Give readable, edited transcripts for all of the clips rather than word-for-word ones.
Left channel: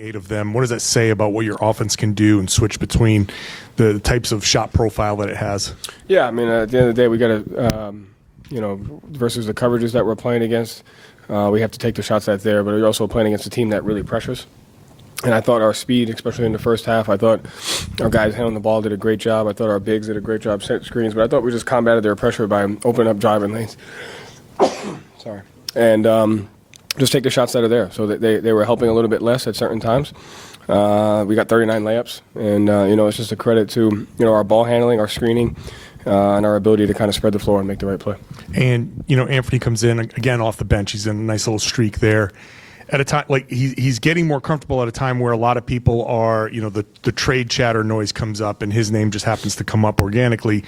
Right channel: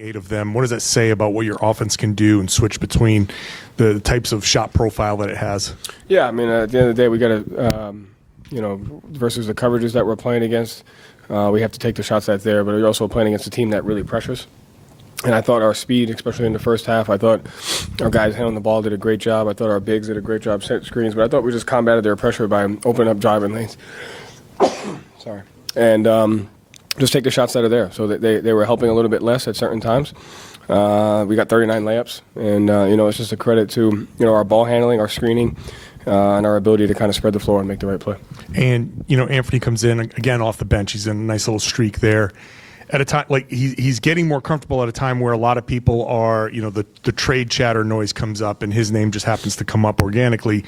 8 of them. What does that say about what your offense can do and switch between the types of shot profile that it has? Yeah, I mean, at the end of the day, we got to, versus the coverages that we're playing against, we have to take the shots that's there, but we're also playing against a team that really pressures. And I thought our speed, especially in the first half, I thought our guys handling the ball did a great job. I thought our bigs did a great job setting screens, but I thought we just combated their pressure by opening up driving lanes. Sorry. And just take the shots that are there. So that they were helping a little bit less at certain times. We got 39 layups, and it's just a credit to our ball handling, our screening, and our ability to kind of spread the floor and make the right play. And Anthony comes in again off the bench. He's in a nice little streak there. At a time like he's getting more comfortable at a time where a lot of people are, the trade chatter noise comes up and his name just happens to come up organically.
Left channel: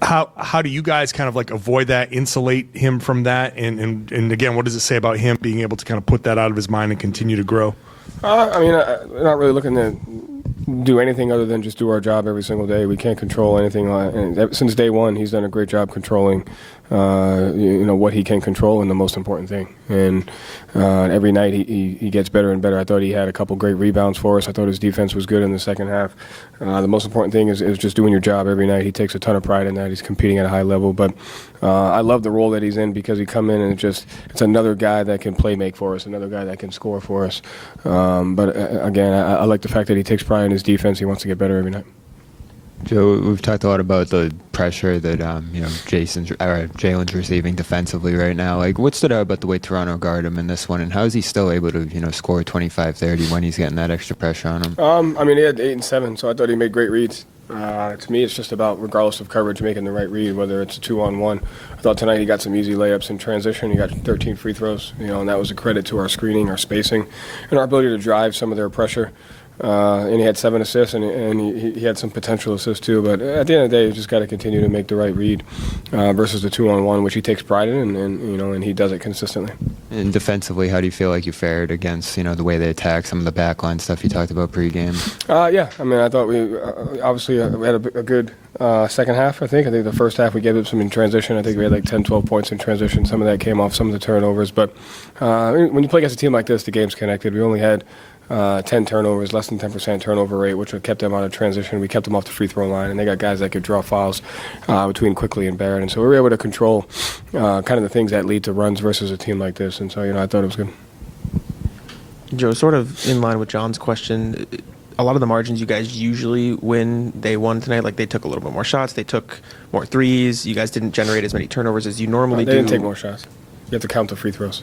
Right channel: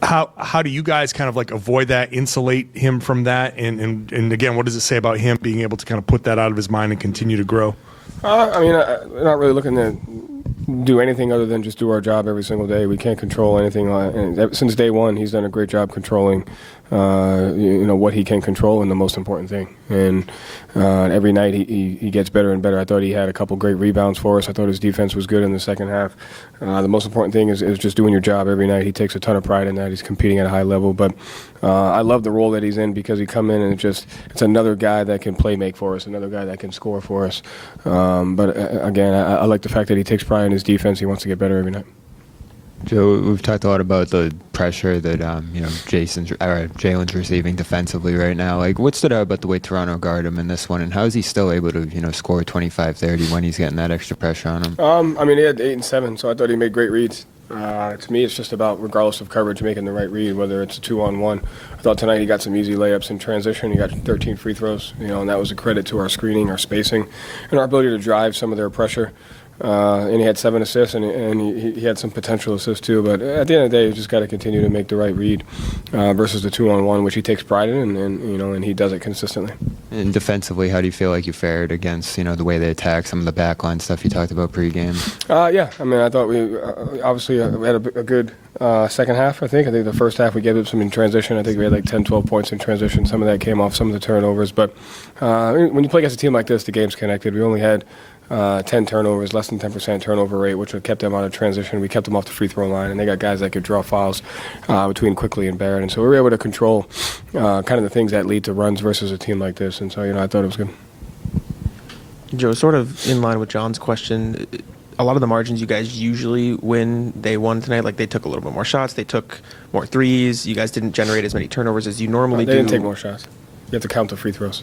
How do you guys kind of like avoid that, insulate him from that, and again, what does it say about him being able to kind of put that out of his mind and continue to grow? We're not really looking to do anything other than just do our job every single day. We can't control anything. And since day one, he's done a great job controlling, what he can control, and the most important thing. And every night he gets better and better. I thought he had a couple great rebounds for us. I thought his defense was good in the second half. The most important thing is just doing your job every night. He takes a ton of pride in that. He's competing at a high level. But I love the role that he's in because he come in and it's another guy that can make for us, another guy that can score for us. But again, I like the fact that he takes pride in his defense. He wants to get better every night. Joe, we've talked a lot about the pressure that Jalen's receiving defensively right now. Like, what stood out about the way Toronto guarded him in this one, and how is he still able to score 25, 30 when he's getting that extra pressure on him? He had 8 and 7, so I thought he made great reads. To me, it's just about, regardless of coverage, making the right read, whether it's a 2-on-1. I thought tonight he got some easy layups in transition. He got 13 free throws, and that was a credit to our screening, our spacing, and our ability to drive some of their pressure. And he had 7 assists, and he had some potential assists too. But at the end of the day, you just got to continue to make the right read versus the 2-on-1, which he takes pride in, and he does it consistently. And defensively, how do you feel like you fared against the way they attack, some of the backline stuff you talked about pregame? I thought we obviously we had a good second half. I think the first half we gave them some in transition. I think we had like 10, 12 points in transition. Some of that came off some of the turnovers. But when you play against a team like this, the game's connected. We only had 10 turnovers, less than 10% turnover rate, which kept them out of transition. We kept them off the free throw line, and they got guys that could draw fouls between Quickly and Barrett. And so we were able to control kind of the things that lead to runs versus a team like this. And so, I thought it was good. Joe, sort of in line with John's question, a lot of the margins you guys usually win, they won tonight. Like, they took a little bit more shots, they took more threes. You guys didn't generate as many turnovers as you normally do. They didn't take more shots. You have to count the free throws.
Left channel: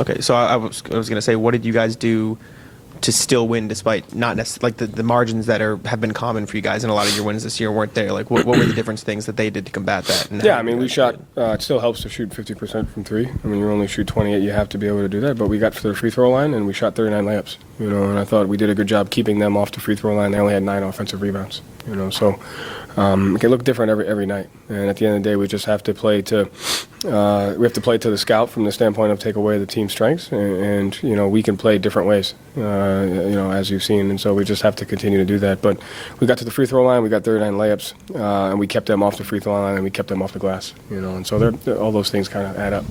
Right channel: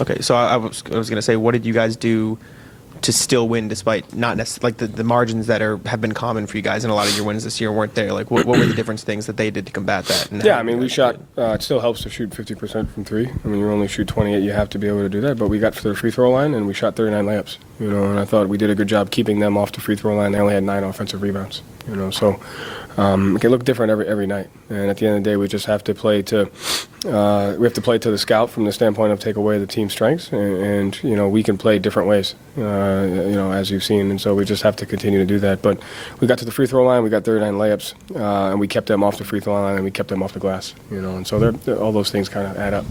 Okay, so I was going to say, what did you guys do to still win despite not necessarily, like the margins that have been common for you guys in a lot of your wins this year weren't there? Like, what were the different things that they did to combat that? We shot, it still helps to shoot 50% from 3. You only shoot 28, you have to be able to do that, but we got to the free throw line and we shot 39 layups, and I thought we did a good job keeping them off the free throw line. They only had 9 offensive rebounds, so it can look different every night. And at the end of the day, we just have to play to the scout from the standpoint of take away the team's strengths, and we can play different ways, as you've seen. And so we just have to continue to do that. But we got to the free throw line, we got 39 layups, and we kept them off the free throw line, and we kept them off the glass. And so all those things kind of add up.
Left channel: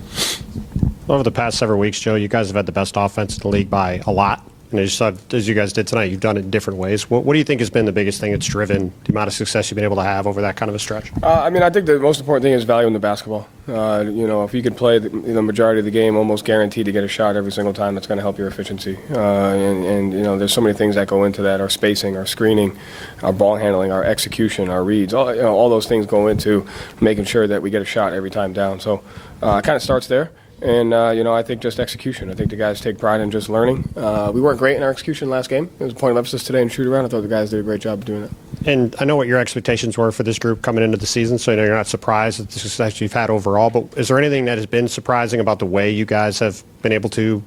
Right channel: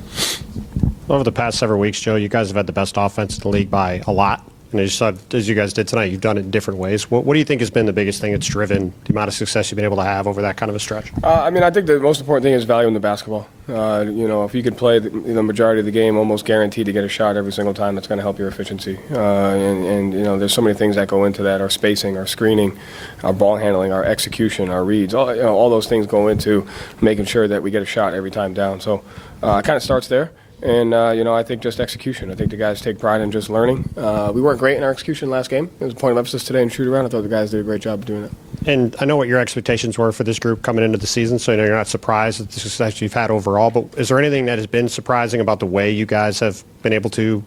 Over the past several weeks, Joe, you guys have had the best offense in the league by a lot. And as you guys did tonight, you've done it in different ways. What do you think has been the biggest thing that's driven the amount of success you've been able to have over that kind of a stretch? I think the most important thing is valuing the basketball. If you can play the majority of the game, almost guaranteed to get a shot every single time, that's going to help your efficiency. And there's so many things that go into that: our spacing, our screening, our ball handling, our execution, our reads. All those things go into making sure that we get a shot every time down. So it kind of starts there. And, I think just execution. I think the guys take pride in just learning. We weren't great in our execution last game. It was a point of emphasis today in shoot-around. I thought the guys did a great job doing it. And I know what your expectations were for this group coming into the season, so I know you're not surprised at the success you've had overall. But is there anything that has been surprising about the way you guys have been able to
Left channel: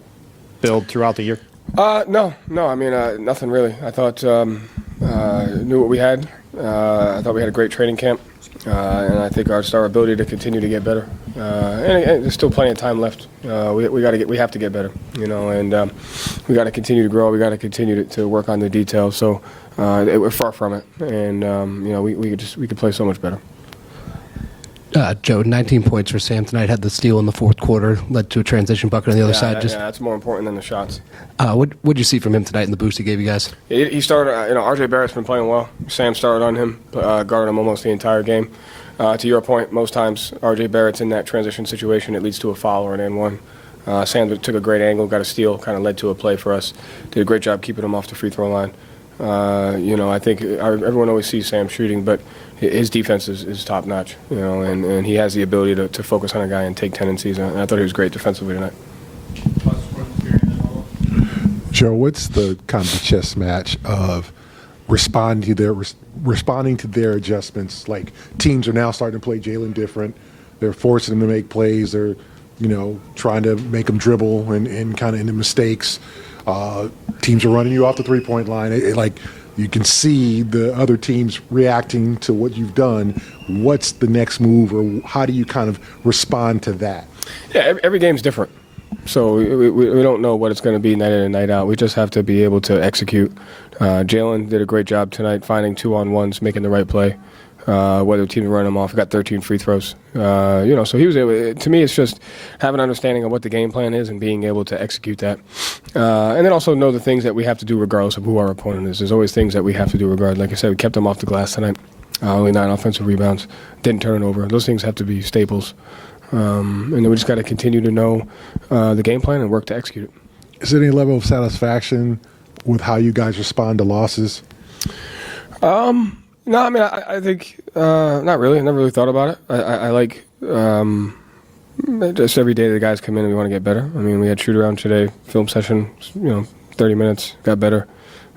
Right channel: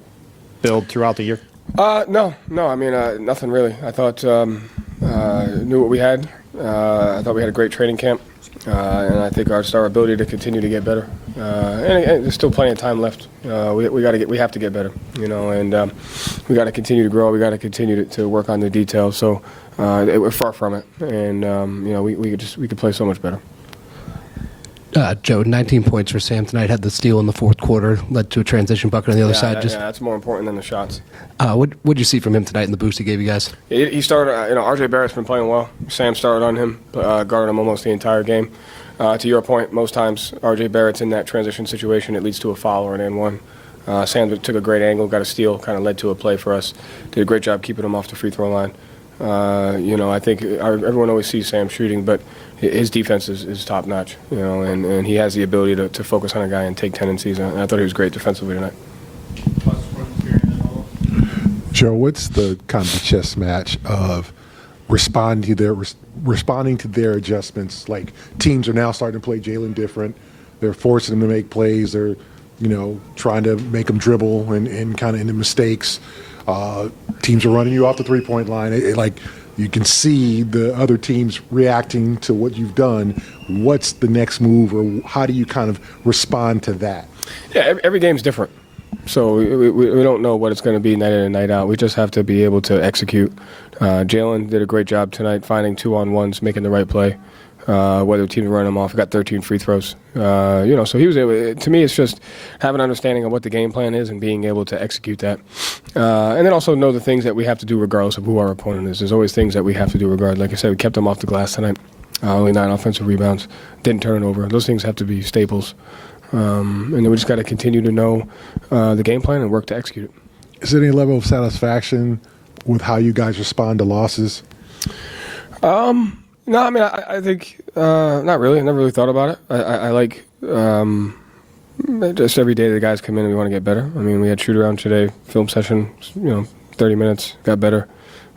build throughout the year? No. Nothing really. I thought knew what we had. I thought we had a great training camp. And I think our ability to continue to get better. And there's still plenty of time left. We have to get better, and we got to continue to grow. We got to continue to work on the details. So we're far from it, and we could play so much better. Joe, 19 points for Sam tonight. Had the steal in the fourth quarter, led to a transition bucket on the other side. That's more important than the shots. What'd you see from him tonight in the boost he gave you guys? He started. RJ Barrett's been playing well. Sam started on him, guarded him almost the entire game. To your point, most times RJ Barrett's in that transition situation. It leads to a foul or an N1. Sam took a great angle, got a steal, kind of led to a play for us. Did a great job keeping him off the free throw line. I think everyone always sees Sam shooting, but his defense is top notch. And he has the ability to focus on a guy and take tendencies. And I thought he was great defensively tonight. Joe, what's the kind of the chess match of responding to their adjustments? Like, teams are now starting to play Jalen different. They're forcing him to make plays. They're, trying to make him dribble and kind of into mistakes. Teams are running you off the three-point line. You can see the other teams reacting to what you've done. What's the next move, or how do you kind of respond to that? Yeah, every game's different. So we don't know what it's going to be night in and night out. We just have to be able to execute. Jalen did a great job tonight finding 2-on-1s, making the right play. Whether teams run him off, he got 13 free throws. So he was able. To me, it's just having an understanding of what the game plan is and being able to execute that. And then also know the things that we have to do regardless of who our opponent is. There's always things that we have to do regardless. Like I said, we kept them off the glass tonight. Only 9 offensive rebounds. Didn't turn it over. Those things have to be staples. And then we just got to continue to know the game plan and work to execute it. Is there any level of satisfaction with how you guys respond to losses? No, I think not really. I never really thought about it. I like just every day the guys come in and we want to get better. We had shoot around today, film session, 30 minutes, got better.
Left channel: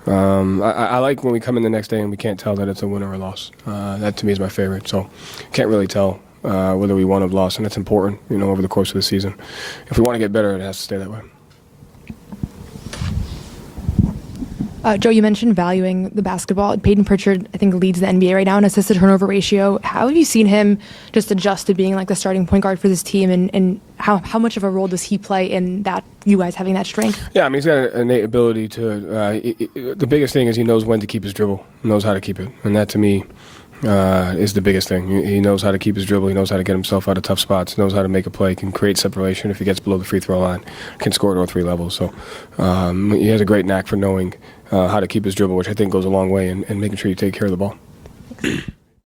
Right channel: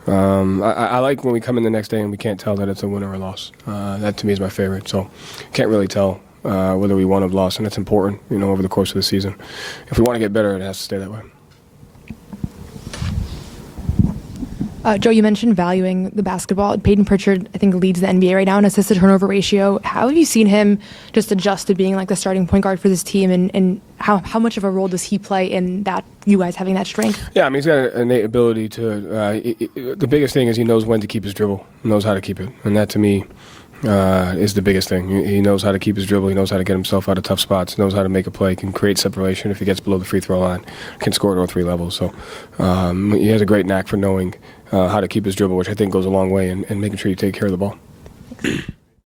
I like when we come in the next day and we can't tell that it's a win or a loss. That to me is my favorite. So can't really tell whether we won or lost, and that's important, over the course of the season. If we want to get better, it has to stay that way. Joe, you mentioned valuing the basketball. Peyton Pritchard, I think, leads the NBA right now in assist to turnover ratio. How have you seen him just adjust to being like the starting point guard for this team, and how much of a role does he play in that, you guys having that strength? Yeah, he's got an innate ability to the biggest thing is he knows when to keep his dribble, knows how to keep it. And that, to me, is the biggest thing. He knows how to keep his dribble. He knows how to get himself out of tough spots. Knows how to make a play. Can create separation if he gets below the free throw line. Can score at all 3 levels. So he has a great knack for knowing how to keep his dribble, which I think goes a long way in making sure you take care of the ball.